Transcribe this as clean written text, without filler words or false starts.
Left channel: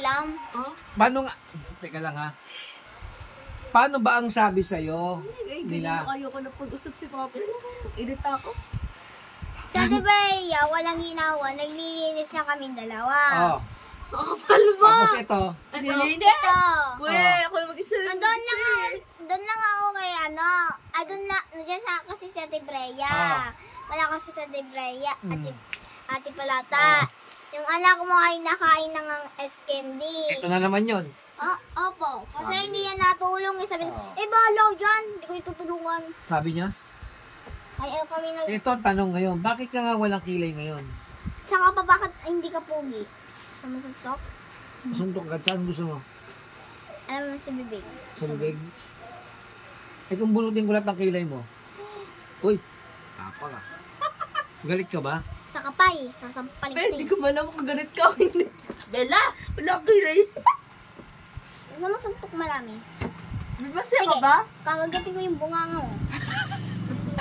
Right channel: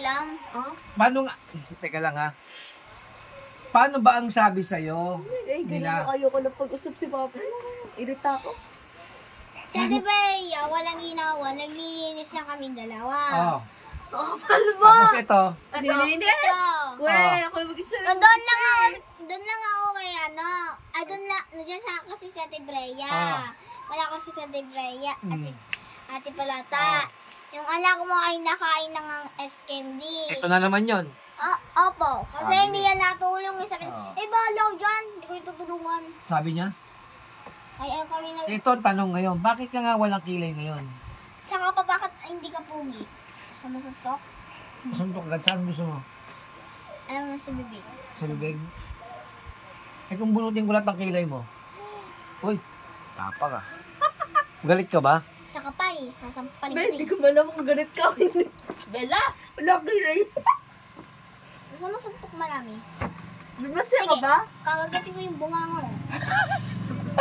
pakialam. Paano nga? Teka lang ha. Paano ba ang sabi sa'yo nila? Ayoko na pag-usap si Papa. Irita ako. Sa Debeya, walang ginawa. Naglilinis na kaming dalawa. Oh. Kapal mo! Tapos ito. Nilinis? Ito. Weh, ako yung mag-isa. Doon lang ako kay ano. Ay, doon na. Nandiyan sa kasi sa Debeya. Wala kasi sa Debeya. Ate Palata. Yung anak mo ay nakain ng S-candy. Ito na naman yon. Opo. Kasi hindi yan natulong. Sabi niya, bahala ko dyan. Hindi ko itutulungan. Sabi niya? Ayaw kami Ito ang tanong ngayon. Bakit ka nga walang kilay ngayon? Saka pa bakit hindi ka pugi? Sumusuntok? Suntok agad. Saan gusto mo? Alam mo sa bibig. Sa bibig? Eh kung bunutin ko lahat ng kilay mo. Uy, tapa ka. Galit ka ba? Sa kapay. Sasampalin Bel, di ko malam kung ganit ka o hindi. Bella, wala kilay. Gusto mo suntok marami? Masaya ka ba? Kakagatin ko yung bunganga mo.